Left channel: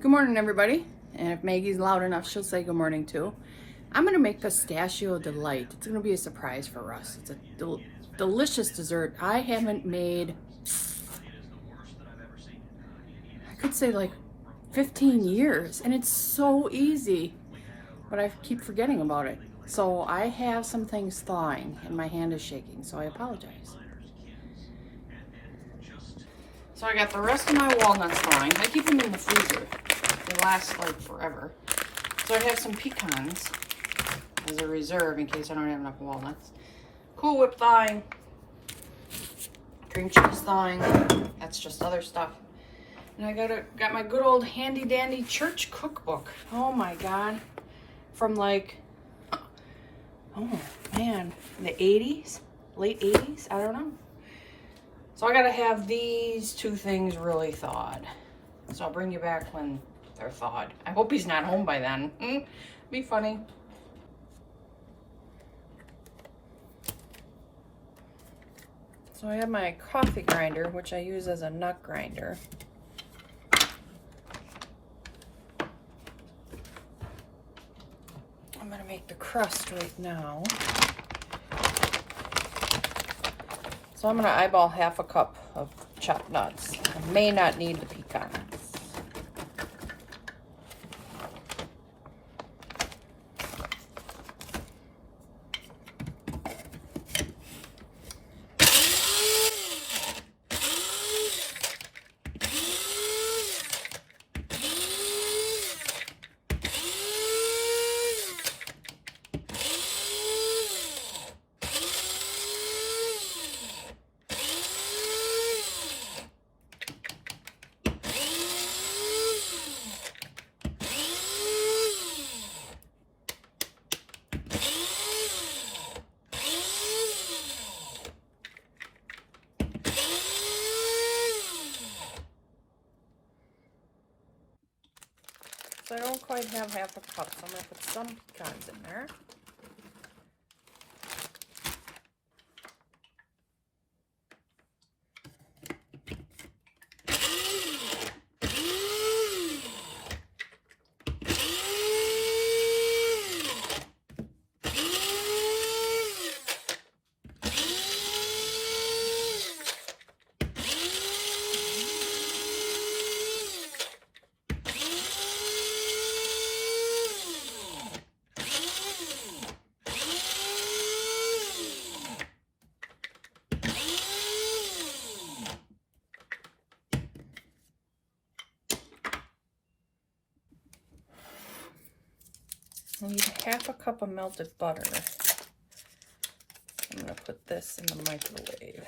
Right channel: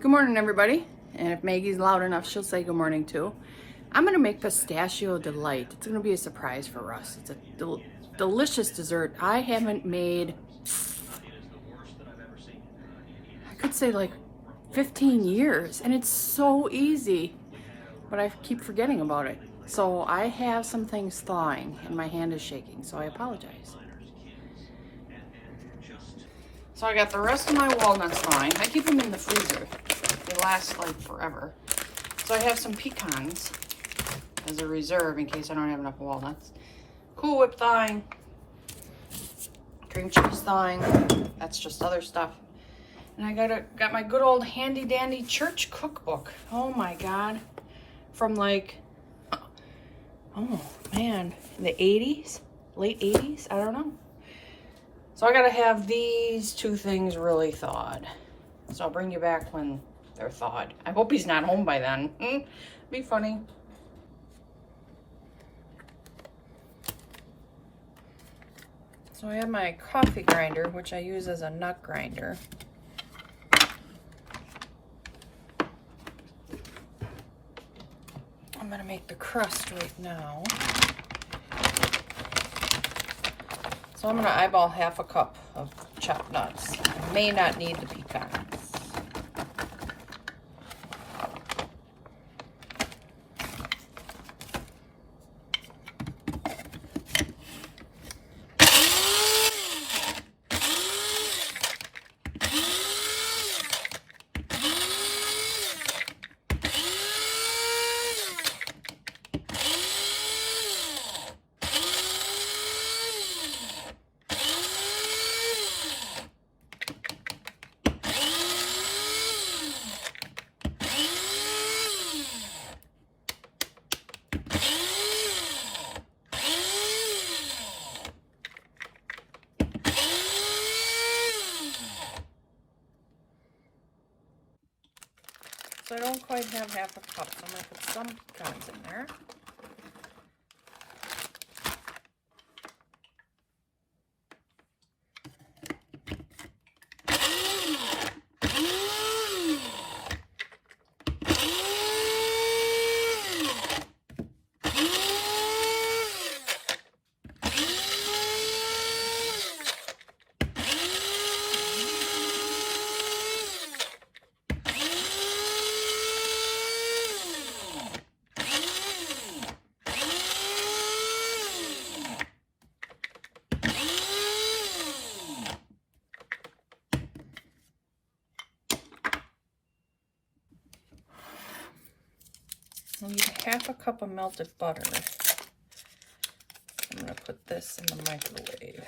Good morning, everybody. And if Maggie's loud enough, she'll say good morning too. I'm gonna make Pistachio Delight. It's gonna be a surprise for Russ. It's a delicious dessert. I haven't made, I could say like 15 years, and it's so easy, but I keep forgetting about it. So I have some things thawing and my hand is shaking, so I apologize. So I got the rest of my walnuts thawing. I keep them in the freezer. They last like forever. So I have some pecans as a reserve in case I don't have enough walnuts. Cool Whip thawing. Cream cheese thawing. That's just other stuff. And I got my good old handy dandy church cookbook. Oh my God. From like, oh man, the 80s? Late 80s? I don't know. So I gotta have these two things really thawed. So I'll bring you back when they're thawed. I hope he's not home by then. Be funny. So I have my coffee grinder, which I use as a nut grinder. I'm gonna make the crust right now. So I'm gonna eyeball half a cup of chopped nuts. I may not need the pecans. So I don't quite have half a cup, so I'm going to put some pecans in there. I need half a cup of melted butter. I'm going to put this in the microwave.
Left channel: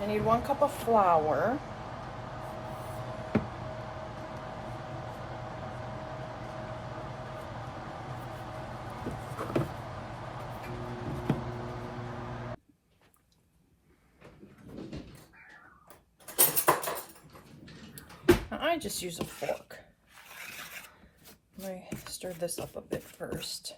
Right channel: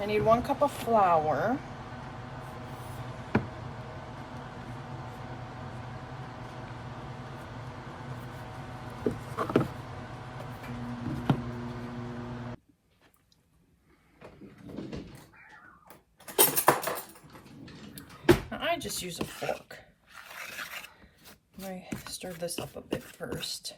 I need 1 cup of flour. I just use a fork. Let me stir this up a bit first.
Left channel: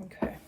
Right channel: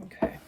Okay.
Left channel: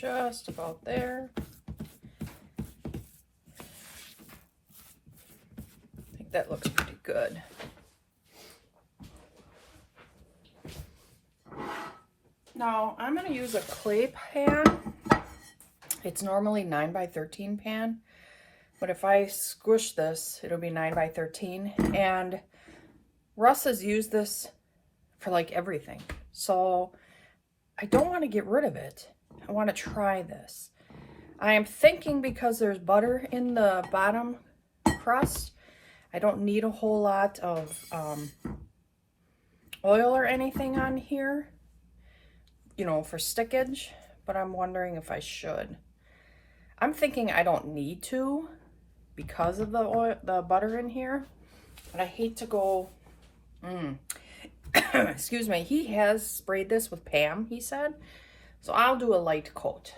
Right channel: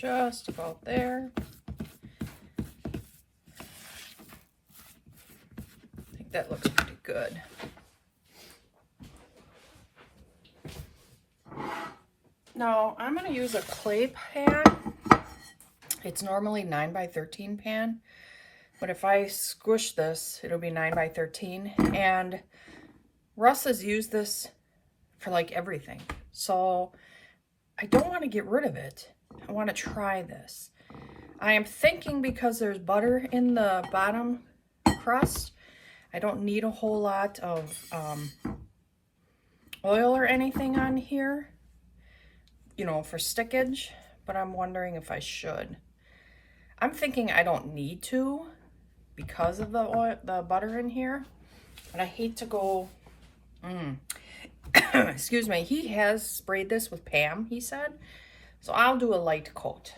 just about there. I think that looks pretty good. Now, I'm going to use a clay pan. It's normally 9 by 13 pan, but if I squish this, it'll be 9 by 13. And Russ has used this for like everything. So I don't want to get rid of it. I want to try this. I am thinking because there's butter in the bottom crust, I don't need a whole lot of oil or anything on here, you know, for stickage, but I'm wondering if I should. I'm thinking I don't need to because of the oil, the butter in here, but I hate to go, excuse me, he has sprayed this with Pam, he said, so I'll do a light coat.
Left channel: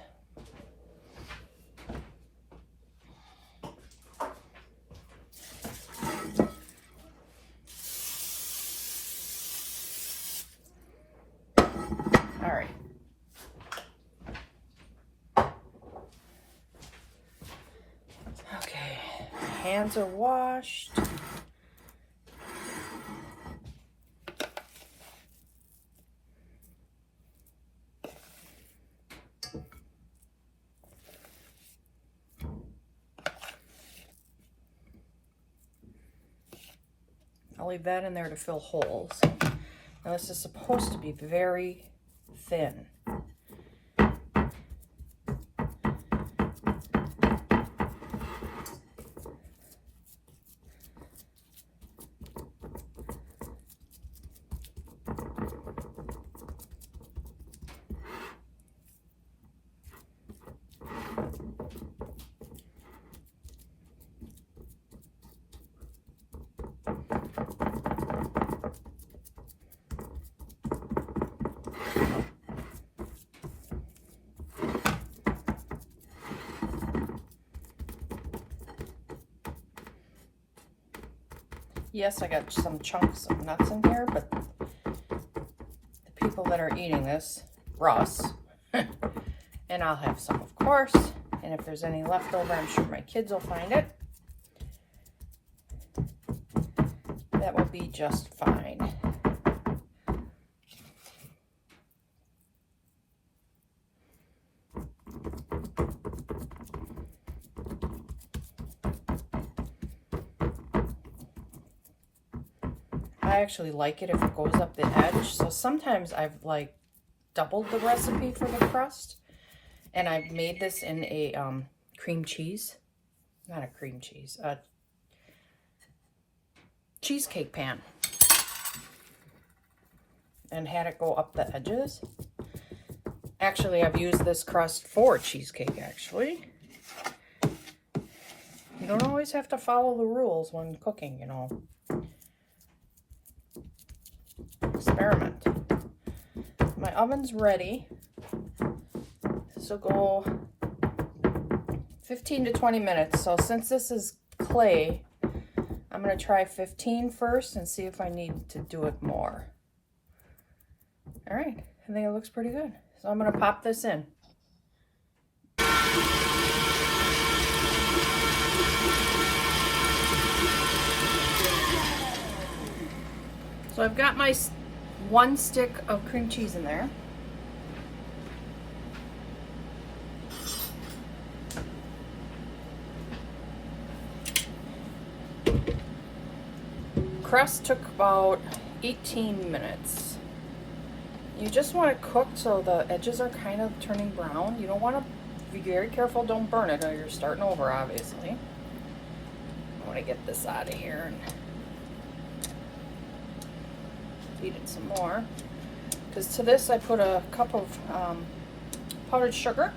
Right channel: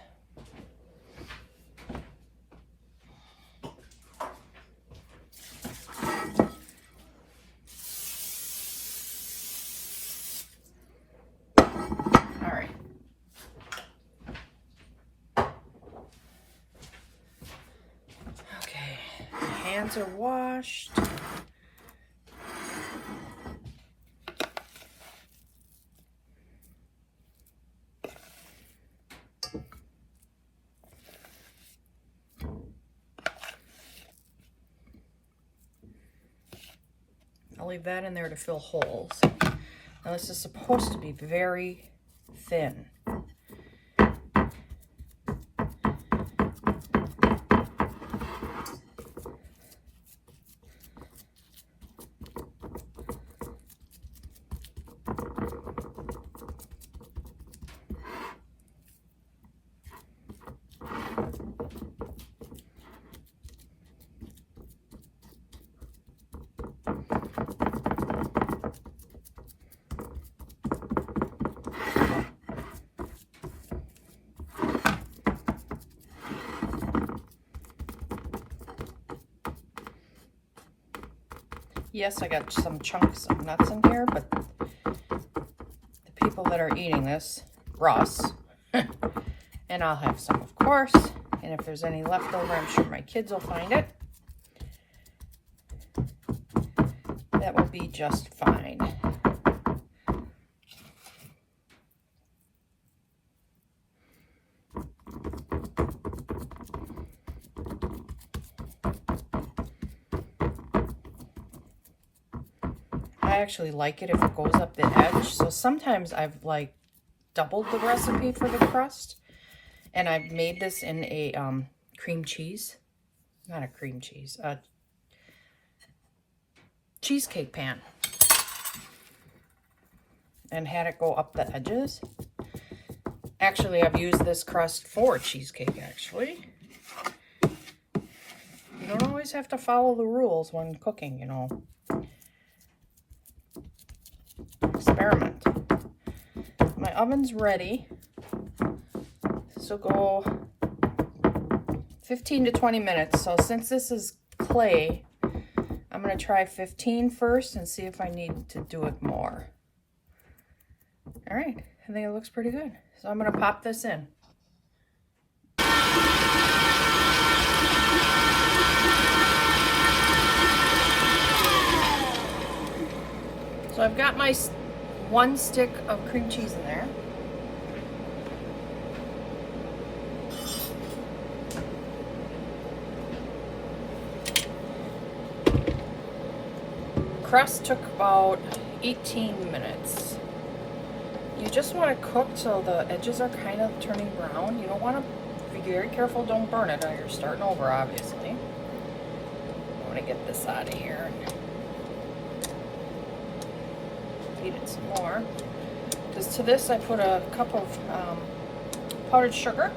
Hands are washed. I'll leave that in there to fill holes. Now this is supposed to be very thin. Yes, I got some chunks of nuts in here, but the people that are eating this, Russ, and I'll have some, of course, and if there's any left over, I'm sure my kids will find it. That will be just fine. I actually like it if it goes up the edge. So sometimes I've like doubled the recipe for the crust, and I've made this in a cream cheese, not a cream cheese, a cheesecake pan, and had it go up the edges. Actually, I've used this crust for cheesecake, actually. You don't always have to follow the rules when cooking, you know. Experiment. My oven's ready. This will go 15 to 20 minutes. So since this is clay, I'm going to try 15 first and see if I need to do it more. All right, I think it looks pretty good. So I'm going to pop this in. So I've got my 1 stick of cream cheese in there. Crust took about 18 minutes. You just want to cook so the edges are kind of turning brown. You don't want to be very careful, don't burn it or you're starting over, obviously. I want to get this out of here and beat it some more, because to this I put a cup of powdered sugar,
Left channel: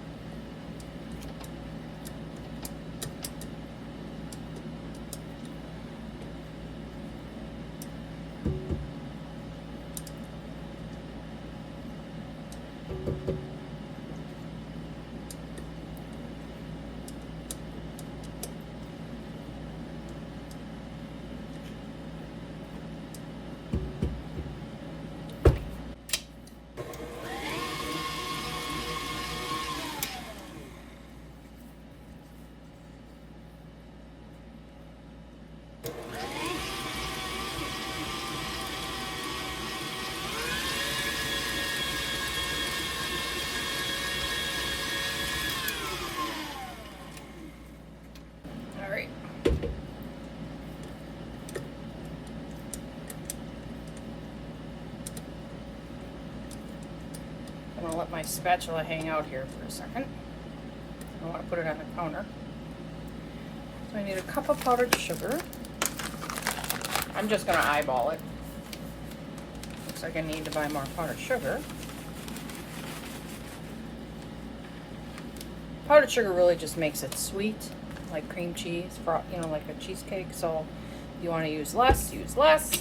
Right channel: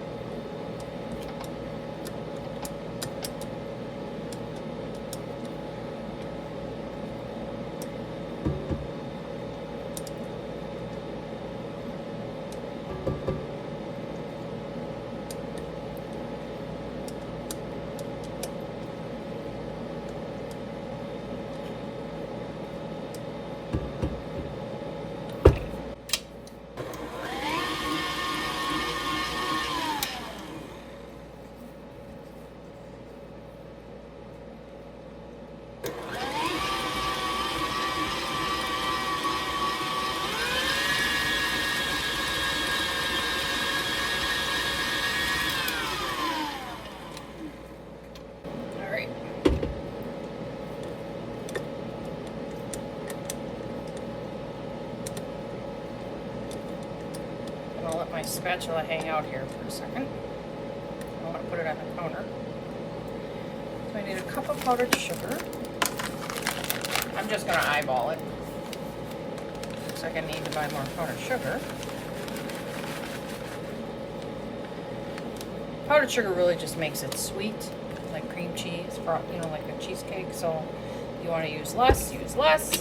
gonna let my spatula hang out here for a second. I want to put it on the counter. So I need a cup of powdered sugar. I'm just gonna eyeball it. Looks like I need to buy more powdered sugar. Powdered sugar really just makes it sweet, like cream cheese, you know, like a cheesecake. So you want to use less, use less.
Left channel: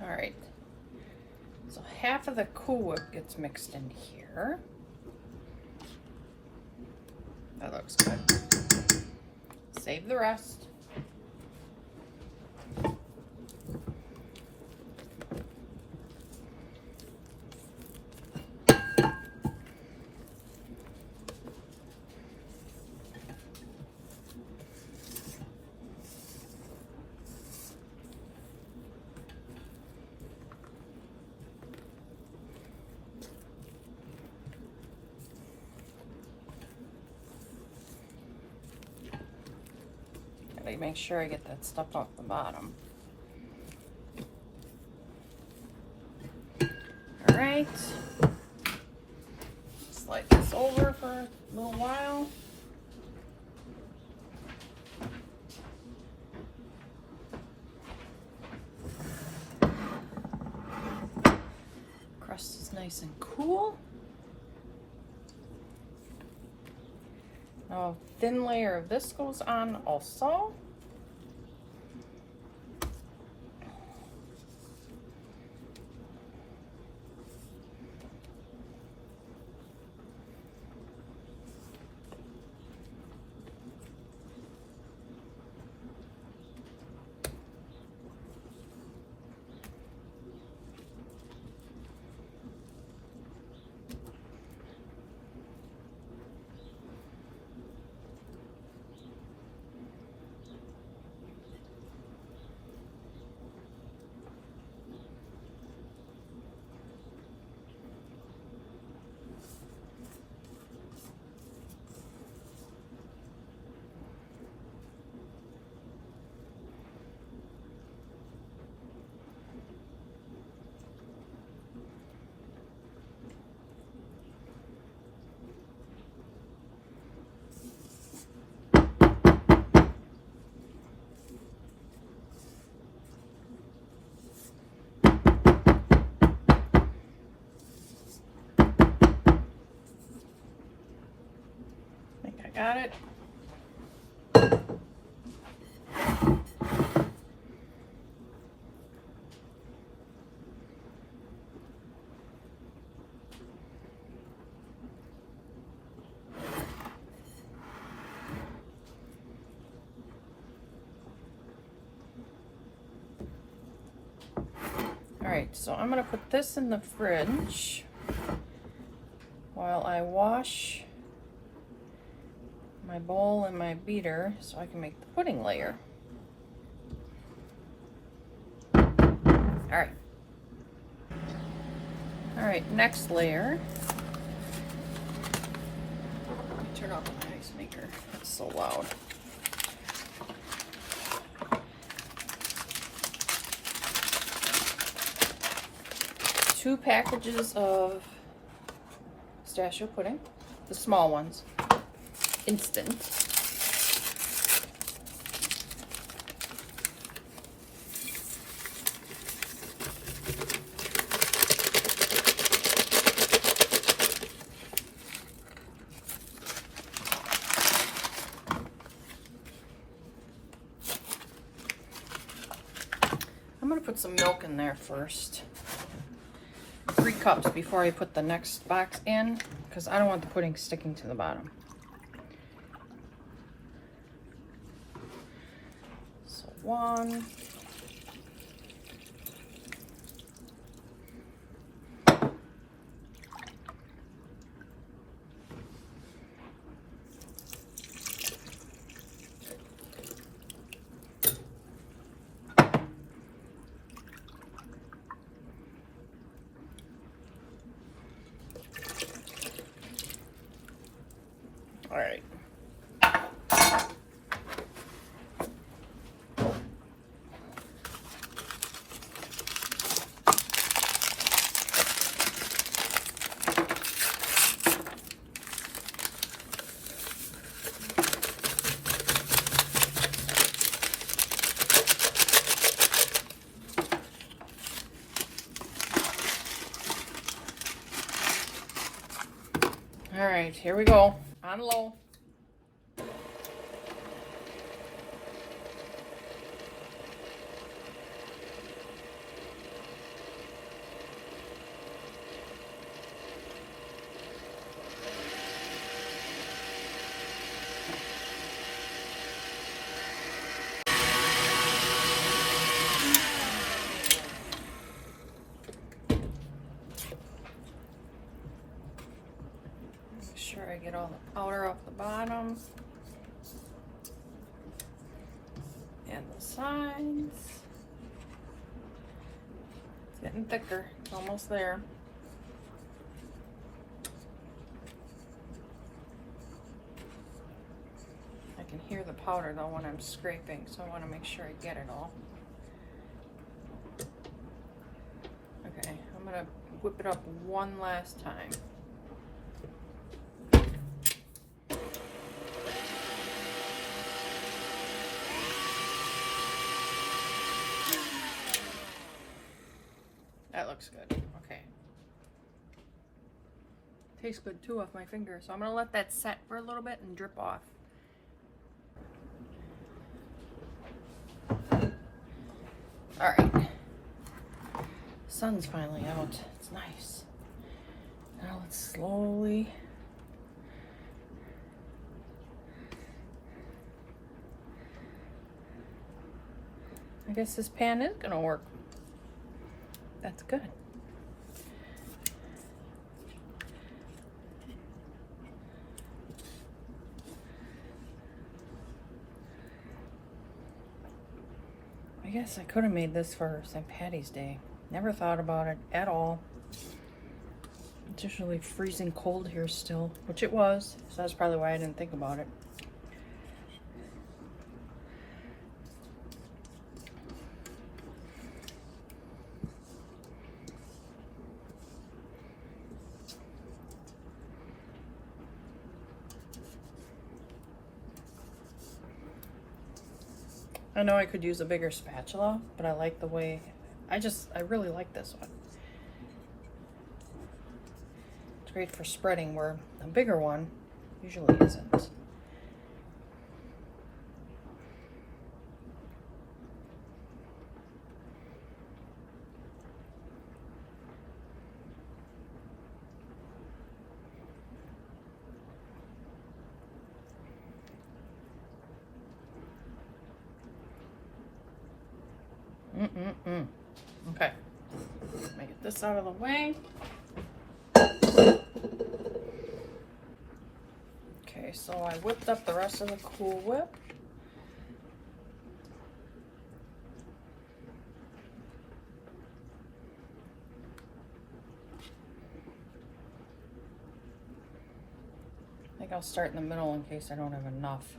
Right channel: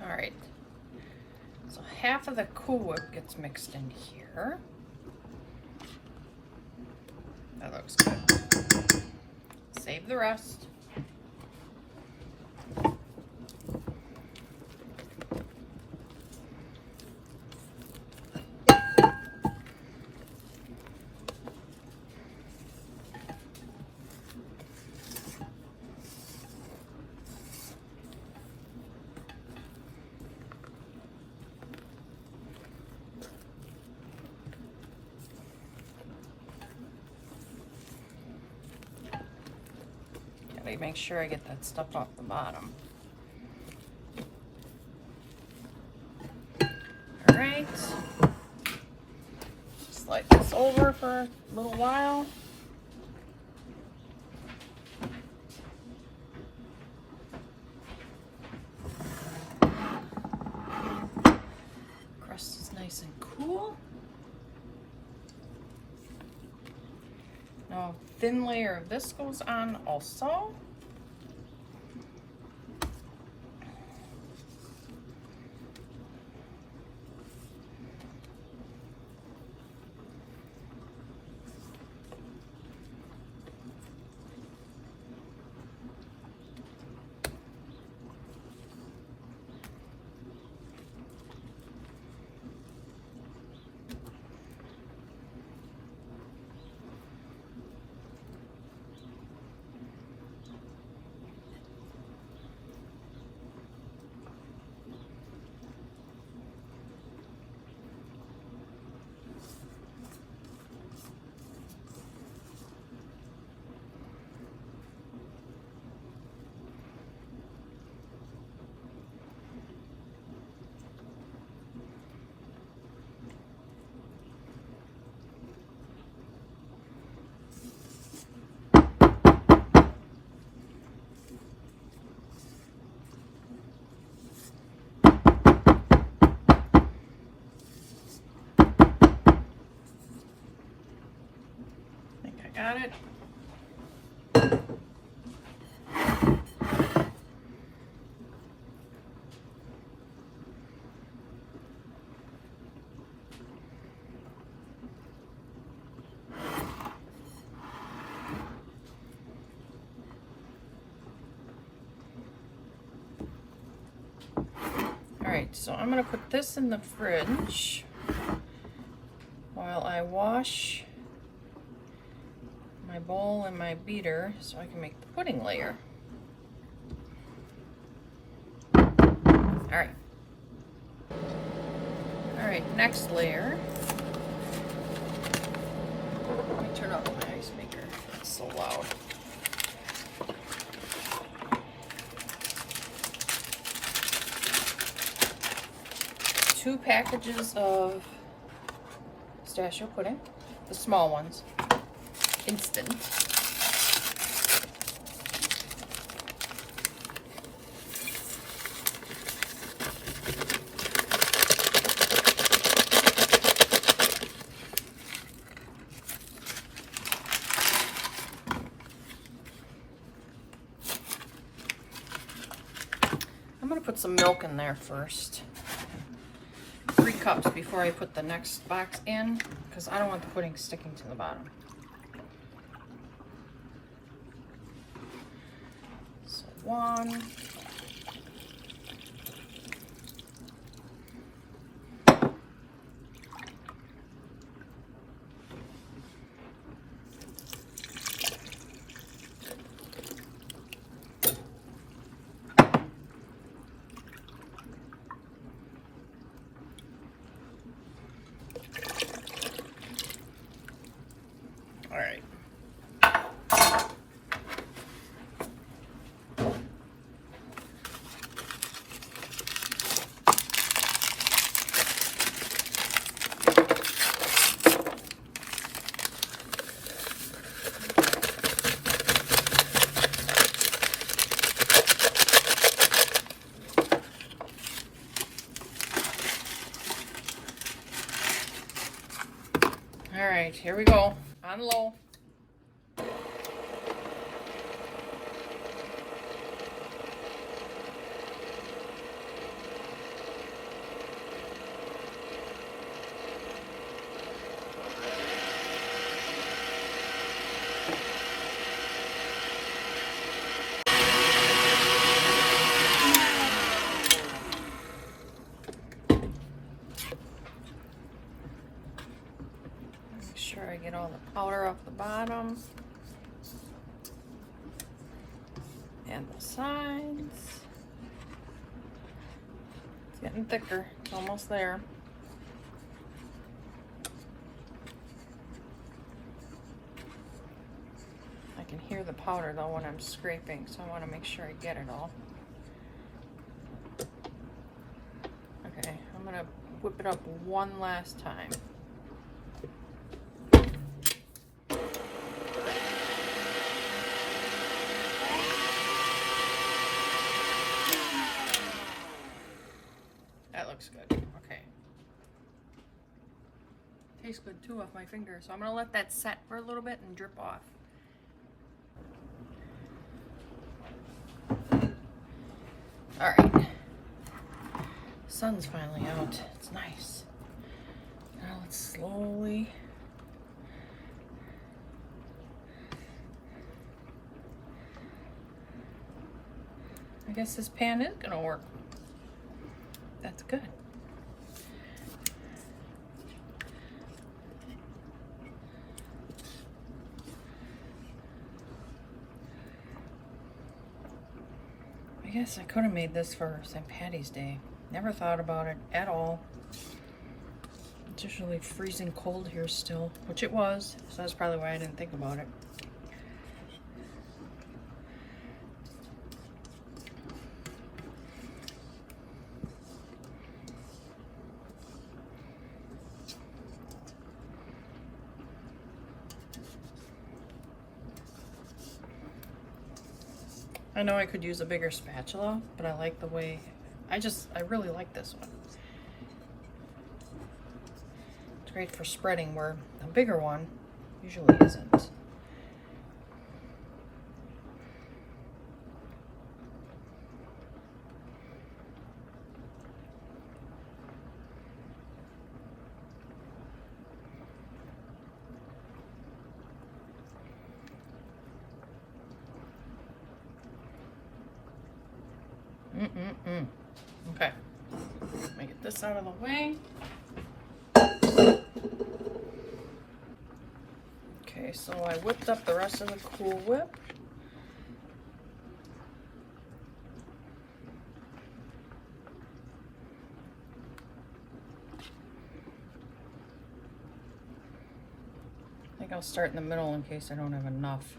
All right, so half of the Cool Whip gets mixed in here. That looks good. Save the rest. Gotta make sure I get that stuff off the bottom. All right, just slide this over for a little while. Crust is nice and cool. Now, a thin layer of this goes on also. Got it. All right, so I'm gonna put this in the fridge while I wash my bowl and my beater so I can make the pudding layer. All right, next layer. Let me turn off my ice maker. It's so loud. Two packages of pistachio pudding, the small ones. Instant. I'm going to put some milk in there first. 3 cups before I put the next box in, because I don't want the pudding sticking to the bottom. So 1, right, here we go. On low. Make sure I get all the powder off the bottom and the sides. It's getting thicker. It's almost there. I can hear the powder though when I'm scraping, so I want to make sure I get it all. Okay, I'm gonna whip it up one last time. That looks good. Okay. Tastes good too off my finger, so I'm gonna let that set for a little bit and drip off. All right. Sun's finally out. It's nice. Now let's slowly I guess this pan is gonna work. That's good. I guess I could have made this for St. Patty's Day. Never thought about it at all. It's usually freezing cold here still, which it was, so that's probably why I didn't think about it. I know I could use a bigger spatula, but I like the way, I really like this one. It's great for spreading where a bigger one usually isn't. Okay, let me get this out of the way. Okay, so I whipped up the rest of the Cool Whip. I think I'll start in the middle in case I don't have enough.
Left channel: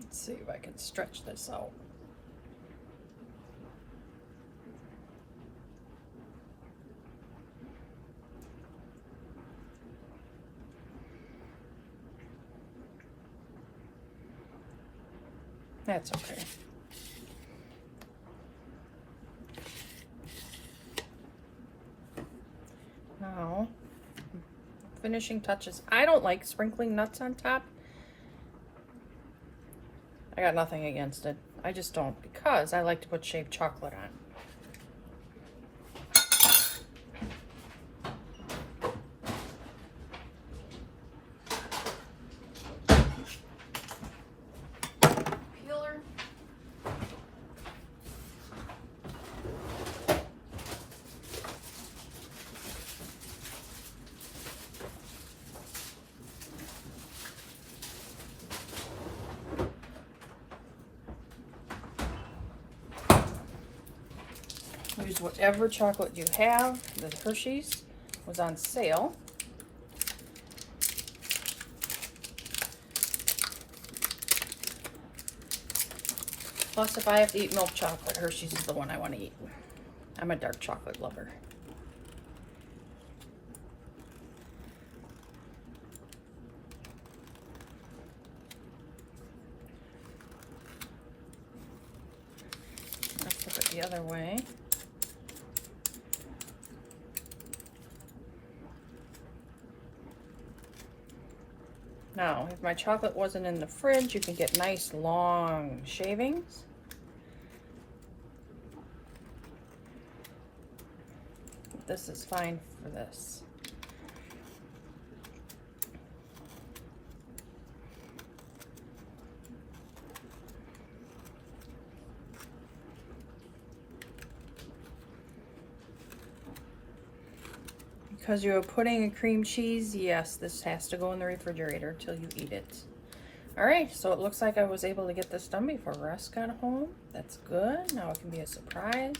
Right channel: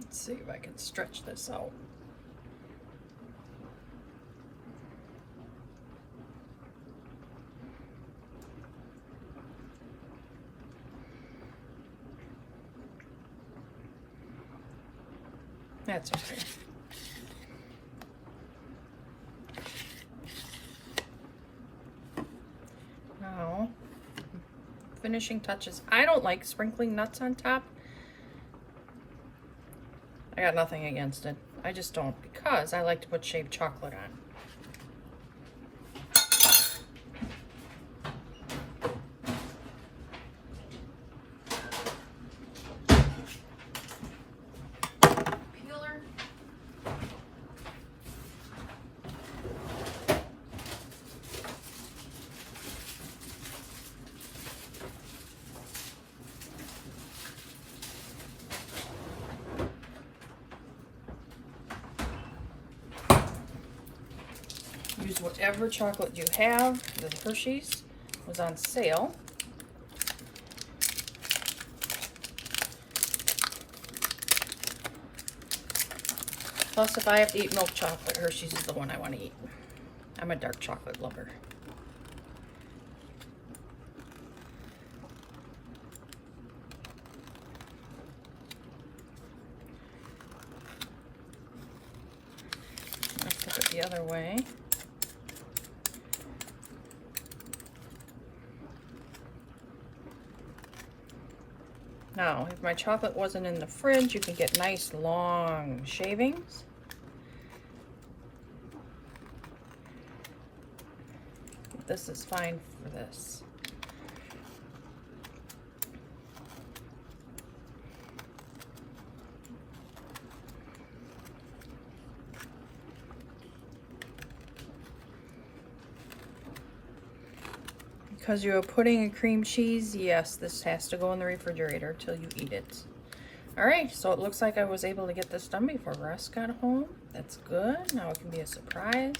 Let's see if I can stretch this out. That's okay. Now, finishing touches. I don't like sprinkling nuts on top. I got nothing against it. I just don't, because I like to put shaved chocolate on. use whatever chocolate you have. The Hershey's was on sale. Plus, if I have to eat milk chocolate, Hershey's is the one I want to eat. I'm a dark chocolate lover. I'll flip it the other way. Now, if my chocolate wasn't in the fridge, you can get nice long shavings. This is fine for this. Because you have pudding and cream cheese, yes, this has to go in the refrigerator till you eat it. All right, so it looks like I was able to get this done before Russ got home. That's good. Now it can be a surprise.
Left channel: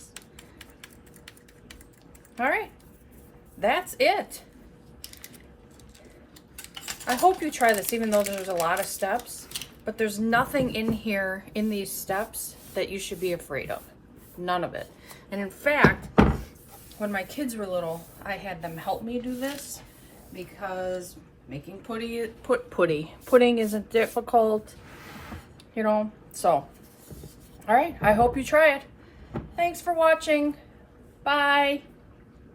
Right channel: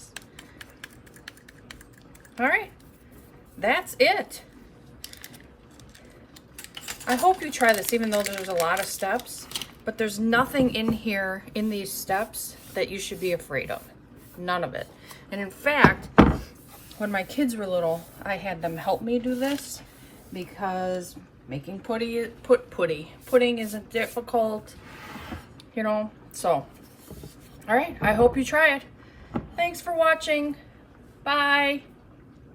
All right, that's it. I hope you try this, even though there's a lot of steps, but there's nothing in here, in these steps, that you should be afraid of. None of it. And in fact, when my kids were little, I had them help me do this because making pudding isn't difficult, you know, so. All right, I hope you try it. Thanks for watching. Bye.